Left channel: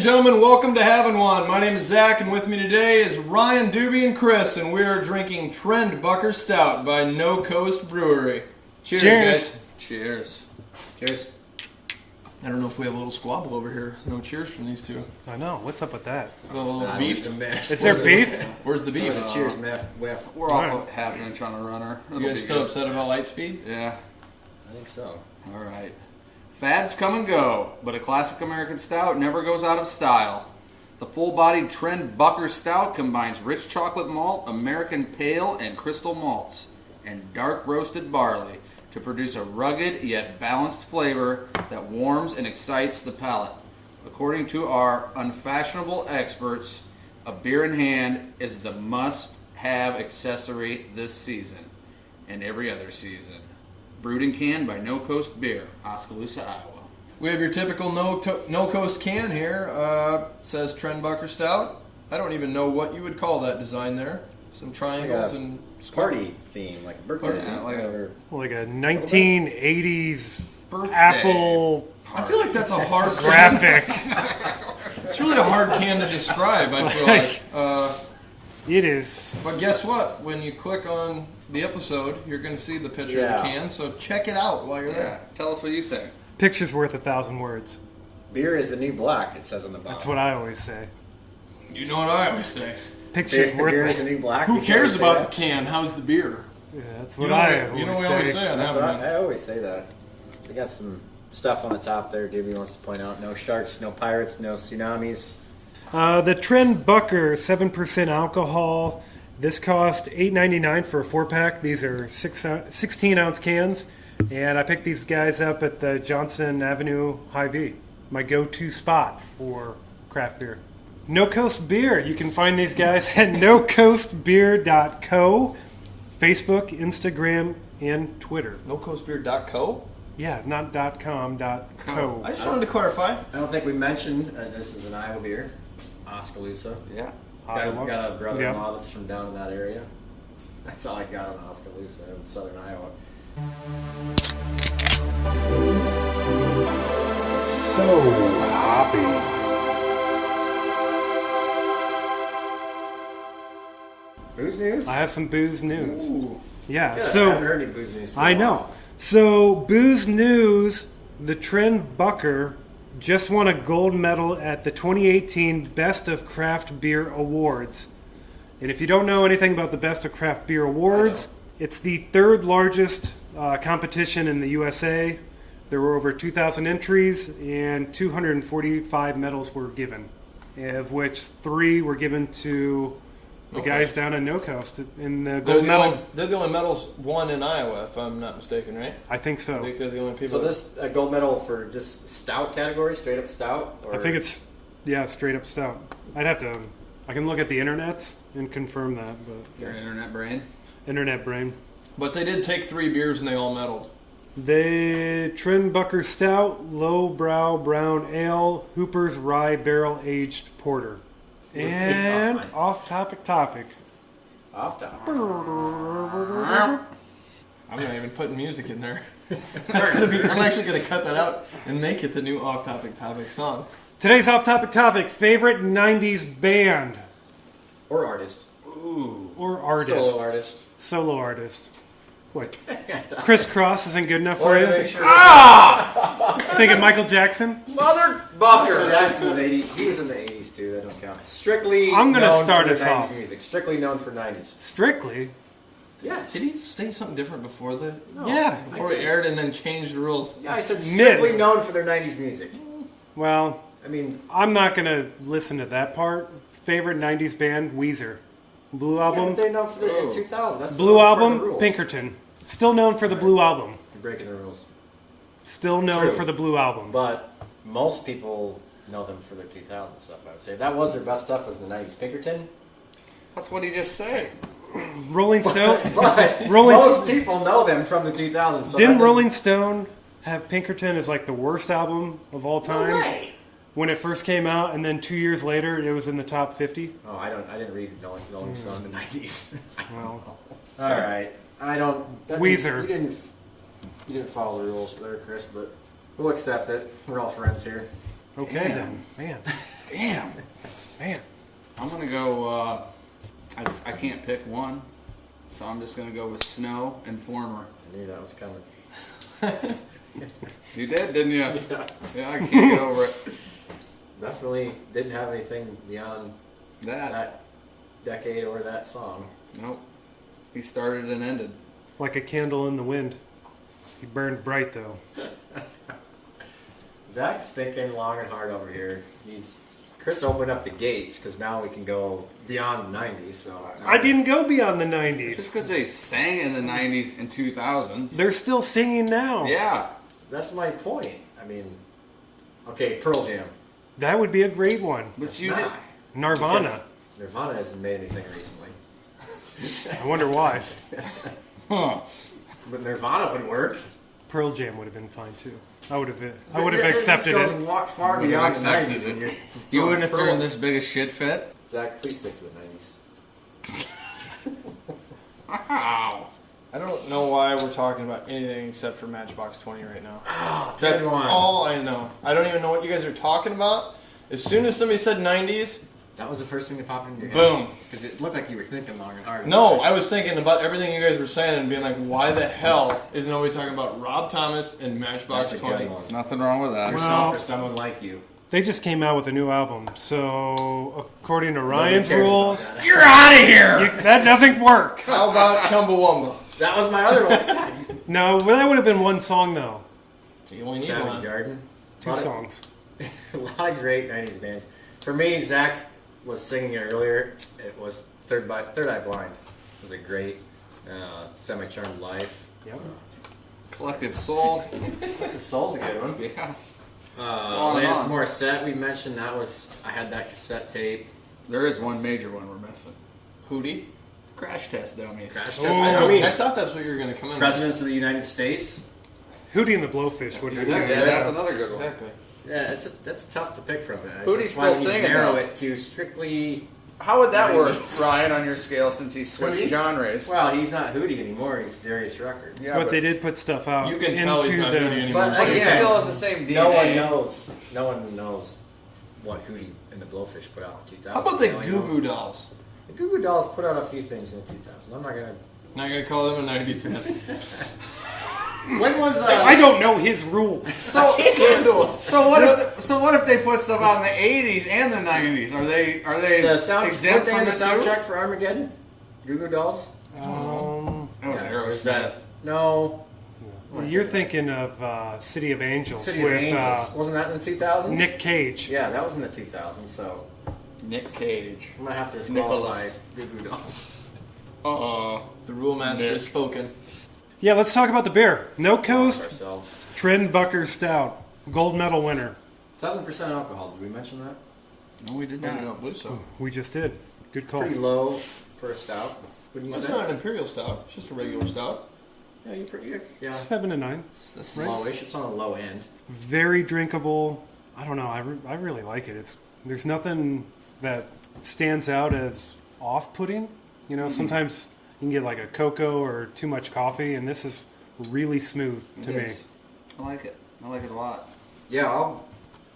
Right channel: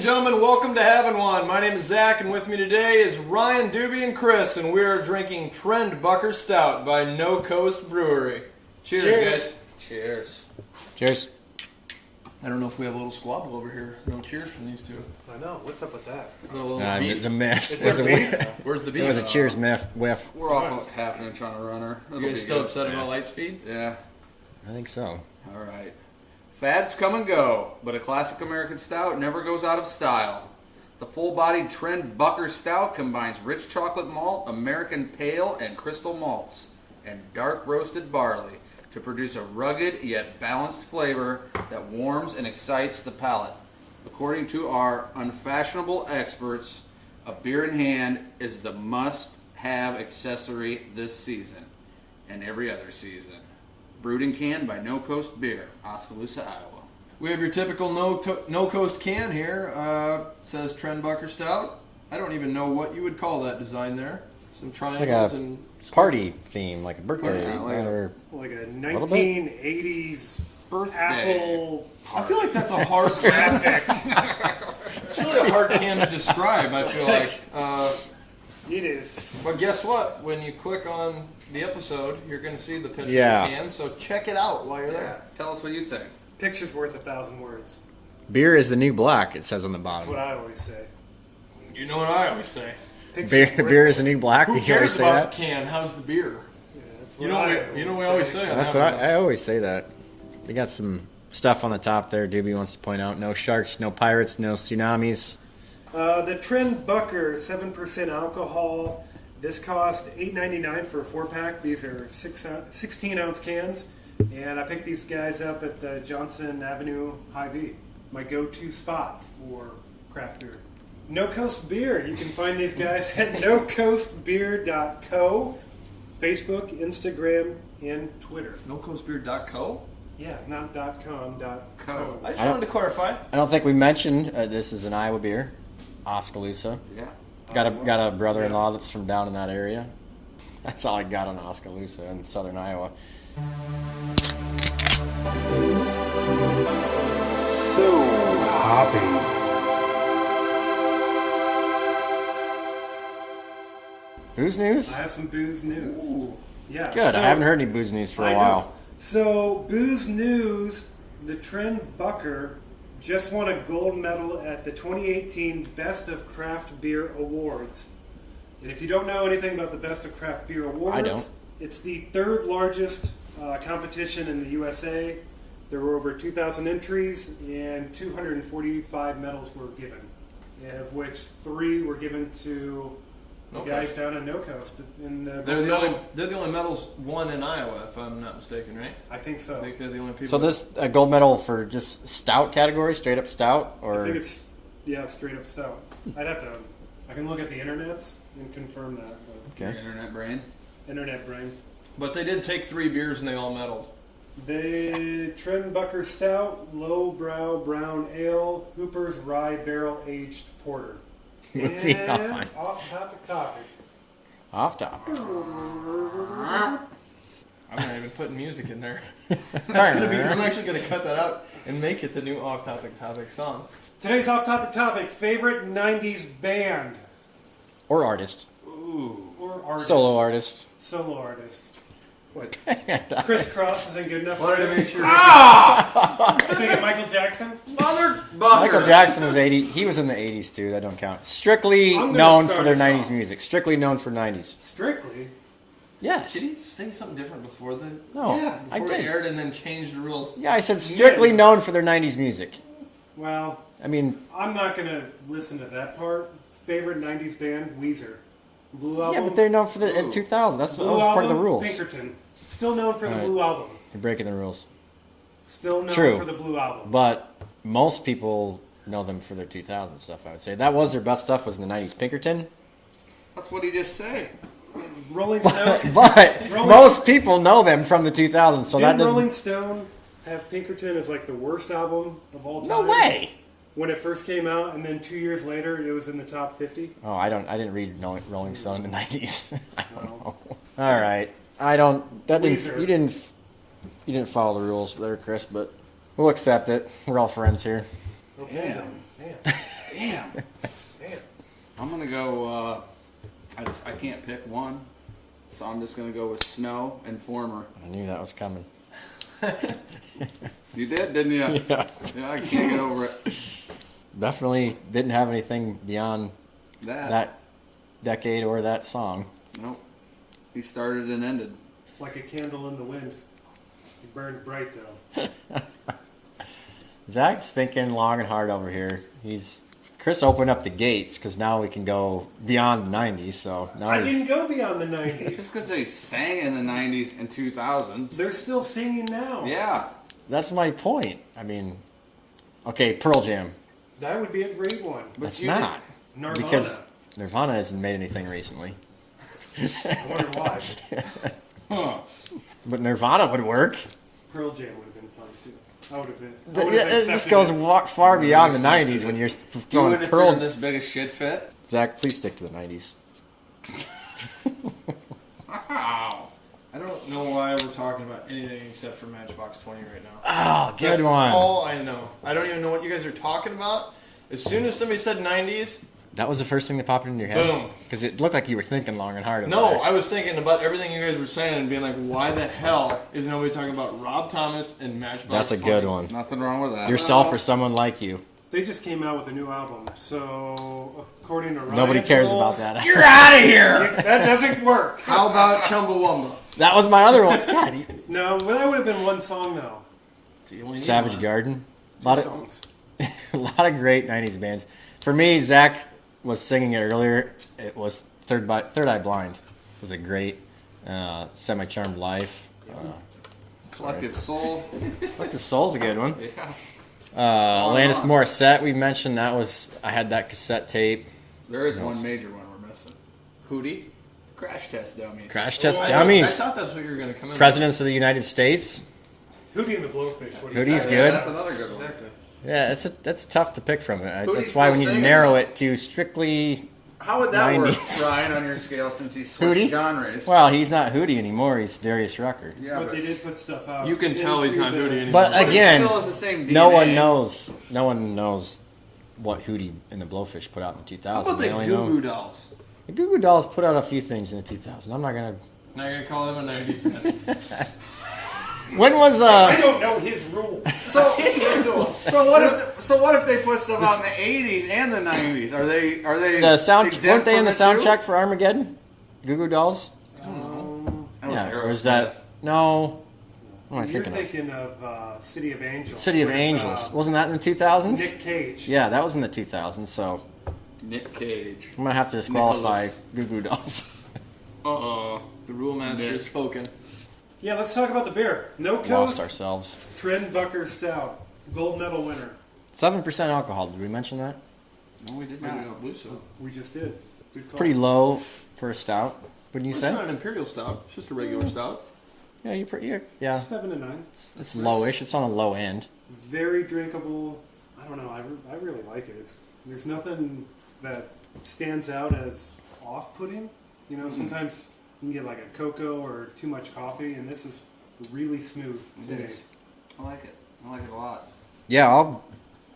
and gentlemen, welcome to Havin One. My name is Zach, and with me today is Ryan, Doobie, and Chris, and we are drinking Trendbucker Stout by NoCoast Brewery. Cheers, guys. Cheers. Cheers. I don't know if we have a little squabble over here. No cheers from these two. I know. What's up with that? Is there a little It beef? was a mess. Is there beef? Where's the It beef? was a cheers whiff. We're off a half inch on a runner. It'll You guys be still good. upset about Lightspeed? Yeah. I think so. All right. Fads come and go, but a classic American stout never goes out of style. The full-bodied Trendbucker Stout combines rich chocolate malt, American pale, and crystal malts, and dark roasted barley to produce a rugged yet balanced flavor that warms and excites the palate. According to our unfashionable experts, a beer in hand is the must-have accessory this season and every other season. Brewed and canned by NoCoast Beer, Oskaloosa, Iowa. We have your typical no-coast can here. Says Trendbucker Stout. I don't even know what you would call that design there. Some triangles and Party theme, like a birthday Yeah, theme. like a- or- Like a 1980s Birthday. Apple I feel like that's a hard graphic. It's really a hard can to describe, I feel like. It is. But guess what? When you click on the episode, you're going to see the picture Yeah. of the can, so check it out while you're Yeah. there. Tell us what you think. Picture's worth 1,000 words. Beer is the new black, it says on the bottom. That's what I always say. You know what I always say. Picture's Beer, worth beer is the new black. Who You cares always say about that? the can? How's the beer? Yeah, that's You what know, we always say on That's Havin what One. I always say that. We got some stuff on the top there. Doobie wants to point out: no sharks, no pirates, no tsunamis. The Trendbucker 7% alcohol. This cost $8.99 for a 4-pack. These are 16-ounce cans. And I picked these guys up at the Johnson Avenue Hy-Vee. My go-to spot for craft beer. NoCoast Beer. You can find these guys at nocoastbeer.co, Facebook, Instagram, and Twitter. NoCoastBeer.co? Yeah, not .com, .co. I just wanted to clarify. I don't think we mentioned this is an Iowa beer, Oskaloosa. Yeah. Got a brother-in-law that's from down in that area. That's all I got on Oskaloosa in southern Iowa. So hoppy. Booze news? I have some booze news. Ooh. Yeah, Good. so I haven't heard any booze news for a I while. know. So booze news, the Trendbucker just won a gold medal at the 2018 Best of Craft Beer Awards. And if you don't know anything about the Best of Craft Beer Awards, it's the third largest competition in the USA. There were over 2,000 entries and 245 medals were given, of which 3 were given to the guys down in NoCoast. In the They're gold the, medal. only, they're the only medals won in Iowa, if I'm not mistaken, right? I think so. I think they're the only So people. this a gold medal for just stout category, straight up stout, or I think it's, straight up stout. I can look at the internets and confirm that, but Your internet brain. internet brain. But they did take 3 beers and they all medaled. The Trendbucker Stout, Lowbrow Brown Ale, Hooper's Rye Barrel Aged Porter. Moving And on. off-topic. off top. I'm not even putting music in there. That's gonna be. I'm actually gonna cut that out and make it the new off-topic song. Today's off-topic topic, favorite 90s band Or artist. Ooh. or artist. Solo artist. Solo artist. What? Crisscross isn't good enough for Wanted to you? make sure. Thinking Michael Jackson? Mother Michael bucker. Jackson was 80. He was in the 80s too. That don't count. Strictly I'm gonna known start for their us 90s off. music. Strictly known for 90s. Strictly? Yes. Did he say something different before the No, Yeah, before I it did. aired and then changed the rules? Yeah, I said strictly Mid. known for their 90s music. Well, I mean, I'm not going to listen to that part. Favorite 90s band, Weezer. Blue yeah, Album? but they're known for the Ooh. 2000. That's Blue part of Album, the rules. Pinkerton. Still known for the Alright. Blue Album. You're breaking the rules. Still known True. for the Blue Album. But most people know them for their 2000 stuff, I would say. That was their best stuff was in the 90s. Pinkerton. That's what he just said. Rolling Stone. But Rolling most Stone- people know them from the 2000s. So that Didn't doesn't... Rolling Stone have Pinkerton as like the worst album of all No time? way! When it first came out, and then 2 years later, it was in the top 50. Oh, I didn't read Rolling Stone in the 90s. I don't Well. know. All right. I don't... That didn't- Weezer. You didn't follow the rules there, Chris, but we'll accept it. We're all friends here. Okay. Damn. Man. Damn. Man. I'm gonna go. I can't pick one, so I'm just gonna go with Snow and Former. I knew that was coming. You did, didn't you? Yeah. Yeah, I can't get over it. Definitely didn't have anything beyond That. that decade or that song. Nope. He started and ended. Like a candle in the wind. He burned bright though. Zach's thinking long and hard over here. Chris opened up the gates because now we can go beyond the 90s. So now I didn't go beyond the It's 90s. just because they sang in the 90s and 2000s. They're still singing now. Yeah. That's my point. I mean, okay, Pearl Jam. That would be a great one. But It's you not. Nirvana. Because Nirvana hasn't made anything recently. I wonder why. Huh. But Nirvana would work. Pearl Jam would have been fine too. I would have It just accepted goes it. far Would've beyond the accepted 90s when it. you're You throwing wouldn't have Pearl. thrown this big a shit fit? Zach, please stick to the 90s. Wow. I don't know why we're talking about anything except for Matchbox 20 right now. Oh, good That's one. all I know. I don't even know what you guys are talking about. As soon as somebody said 90s, That was the first thing that popped into your head? Boom. Because it looked like you were thinking long and hard. no, about it. I was thinking about everything you guys were saying and being like, why the hell is nobody talking about Rob Thomas and Matchbox That's a 20? good one. Nothing wrong with that. Yourself Well- or someone like you. They just came out with a new album, so according to Nobody Ryan's cares rules, about that. You're out of here! that doesn't work. How about Chumbawamba? That was my other one. God, No, well, that would have been one song though. You only need Savage one. Garden. Two Lot of- songs. A lot of great 90s bands. For me, Zach was singing it earlier. It was Third Eye Blind. It was a great Semi-Charmed Life. Collective Soul. The Soul's a good one. Yeah. Alanis on. Morissette, we mentioned that was, I had that cassette tape. There is one major one we're missing. Hootie? Crash Test Dummies. Crash Test Oh, I Dummies. thought that's what you were going to come in Presidents of the United States. Hootie and the Blowfish. What do you Hootie's think? Yeah, good. that's another good with. one. Exactly. Yeah, that's tough to pick from it. Hootie's That's why still we need to singing, narrow though. it to strictly. How would that work, 90s. Ryan, on your scale since he switched Hootie? genres? Well, he's not Hootie anymore. He's Darius Rucker. Yeah, But they did put stuff out. You can tell he's into not the- Hootie anymore. But But again, it still has the same DNA. No one knows what Hootie and the Blowfish put out in 2000. How about the They only Goo know- Goo Dolls? The Goo Goo Dolls put out a few things in the 2000s. I'm not gonna. Not going to call them a 90s band. When was I don't know his rules. So what if they put stuff out in the 80s and the 90s? Are they the sound? Weren't exempt they in from the it too? soundtrack for Armageddon? Goo Goo Dolls. That was or is Aerosmith. that no? You're thinking of City of Angels. City of with, Angels. Wasn't that in the 2000s? Nick Cage. Yeah, that was in the 2000s. So Nick Cage. I'm gonna have to disqualify Nicholas. Goo Goo Dolls. The rule master Nick. has spoken. Yeah, let's talk about the beer. Lost NoCoast ourselves. Trendbucker Stout. Gold medal winner. 7% alcohol. Did we mention that? No, we did I not. don't believe so. We just did. Good call. Pretty low for a stout. Wouldn't you Well, say? it's not an imperial stout. It's just a regular stout. Yeah, you're pretty. Yeah, 7 to 9. it's lowish. It's on the low end. Very drinkable. I don't know. I really like it. There's nothing that stands out as off-putting. You know, sometimes you can get like a cocoa or too much coffee, and this is really smooth to It me. is. I like it. I like it a lot. Yeah, I'll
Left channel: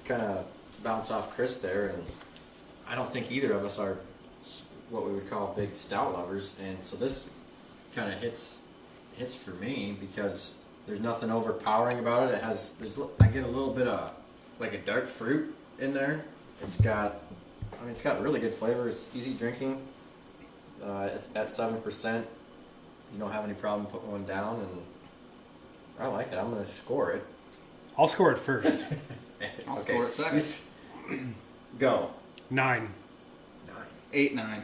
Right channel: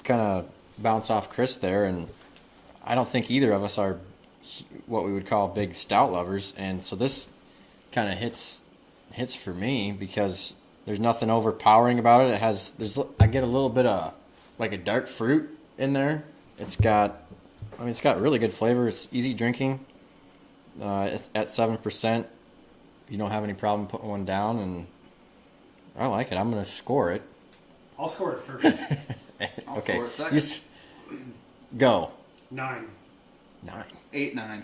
kind of bounce off Chris there, and I don't think either of us are what we would call big stout lovers, and so this kind of hits for me because there's nothing overpowering about it. I get a little bit of like a dark fruit in there. It's got really good flavor. It's easy drinking. It's at 7%, you don't have any problem putting one down, and I like it. I'm going to score it. I'll score it first. I'll score it second. Go. 9. 9. 8-9.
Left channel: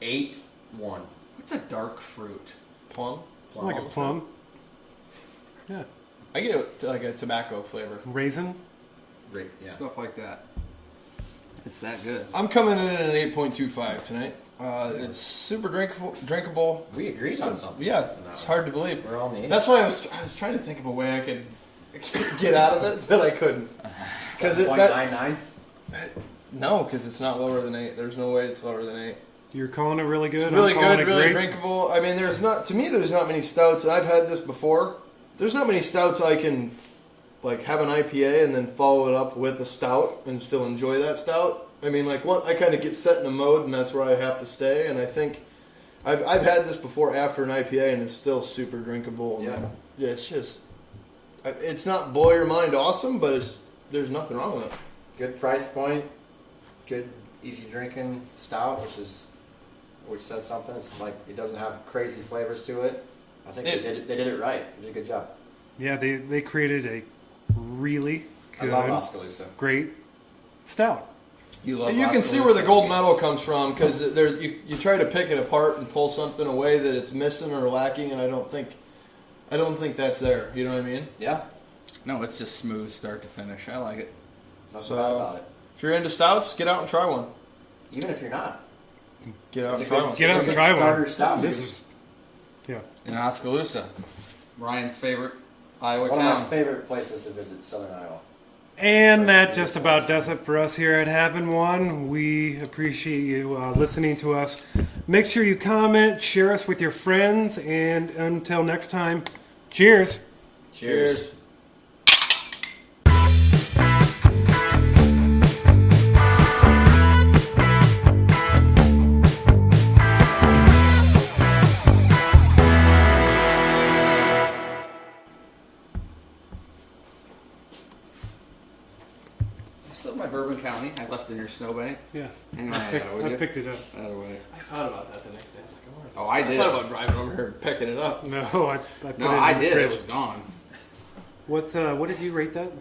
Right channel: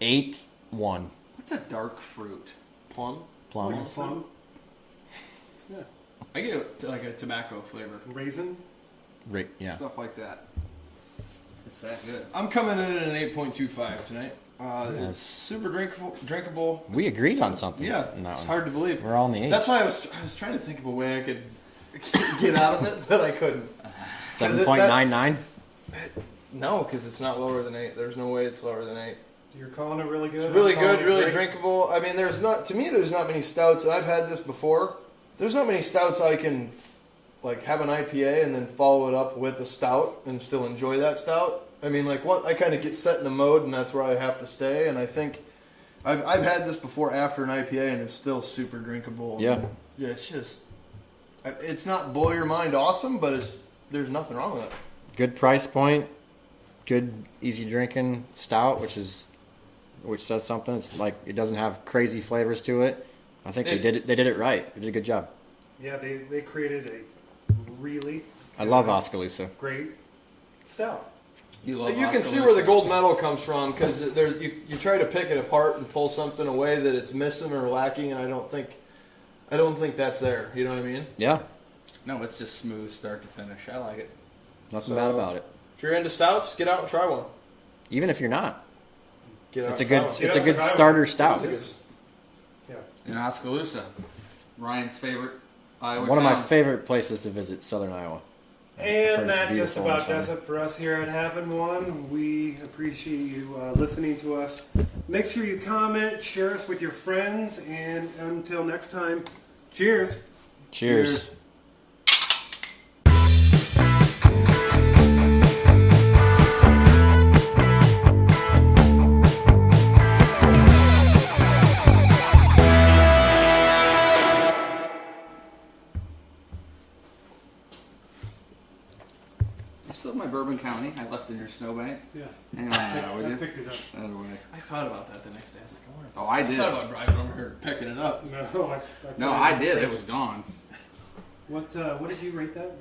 8-1. What's a dark fruit? Plum. Plum. Like a plum. Yeah. I get like a tobacco flavor. Raisin. Yeah. Stuff like that. It's that good. I'm coming in at an 8.25 tonight. It's super drinkable. We agreed on something. Yeah, in that it's one. hard to believe. We're on the 8. That's why I was trying to think of a way I could get out of it, but I couldn't. 7.99. No, because it's not lower than 8. There's no way it's lower than 8. You're calling it really good. It's really I'm calling good, it really great. drinkable. I mean, there's not many stouts, and I've had this before. There's not many stouts I can like have an IPA and then follow it up with a stout and still enjoy that stout. I mean, like I kind of get set in a mode, and that's where I have to stay. And I think I've had this before after an IPA, and it's still super drinkable. Yeah. And, yeah, it's just it's not blow your mind awesome, but there's nothing wrong with it. Good price point, good easy drinking stout, which says something. It's like it doesn't have crazy flavors to it. I think they did it right. They did a good job. Yeah, they created a really I love good, Oskaloosa. great stout. You love. You can see where the gold medal comes from because you try to pick it apart and pull something away that it's missing or lacking, and I don't think that's there. You know what I mean? Yeah, No, it's just smooth start to finish. I like it. nothing So- bad about it. If you're into stouts, get out and try one. Even if you're not, Get out it's a and try good, one. it's Get a out good and try one. starter stout. It's a Yeah. In Oskaloosa, Ryan's favorite Iowa One of town. my favorite places to visit, Southern Iowa. And Very that just beautiful about and does sunny. it for us here at Havin One. We appreciate you listening to us. Make sure you comment, share us with your friends, and until next time, cheers. Cheers. You still have my Bourbon County. I left in your snowbank. Yeah, Hang on that, would I you? picked it up. That away. I thought about that the next day. I was like, I wonder if Oh, I did. thought about driving over here and picking it up. No, I put No, it in I the did. fridge. It was gone. What did you rate that?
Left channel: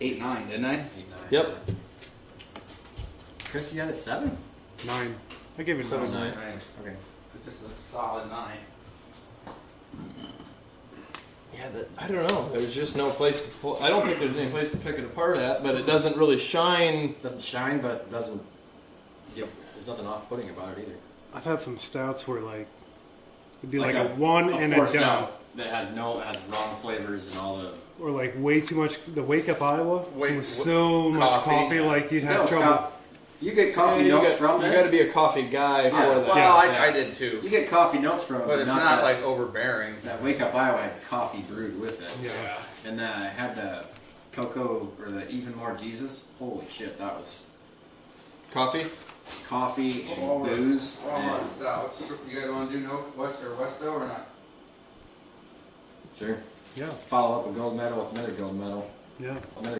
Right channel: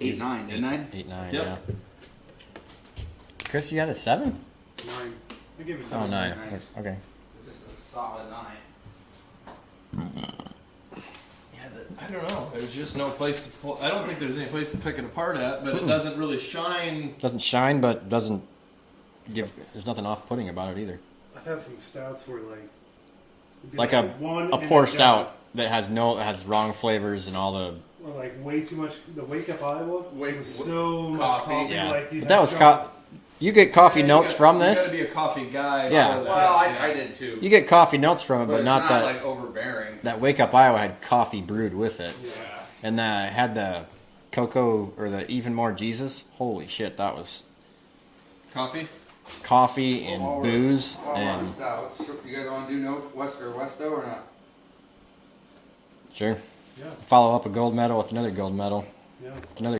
8-9, didn't I? 8-9. Yep. Yeah. Chris, you had a 7? 9. I gave it a Oh, 9. 9. Nine. Okay. It's just a solid 9. Yeah, I don't know. There's just no place to pull. I don't think there's any place to pick it apart at, but it doesn't really shine. Doesn't shine, but doesn't give. There's nothing off-putting about it either. I've had some stouts where it'd be Like like, a one a and pour a done. stout that has wrong flavors and all the. Or like way too much. The Wake Up Iowa Wait, was so much coffee, coffee, yeah. like you'd That have was trouble. You get coffee Yeah, notes from You got this. to be a coffee guy Yeah. for that. Well, Yeah. I did too. You get coffee notes from it, but but, it's not, not that. like overbearing. That Wake Up Iowa had coffee brewed with it, Yeah. and had the cocoa or the Even More Jesus. Holy shit, that was Coffee? coffee and All booze All and our stouts. You guys want to do no West or Westo or not? sure. Yeah. Follow up a gold medal with another gold medal. Yeah. Another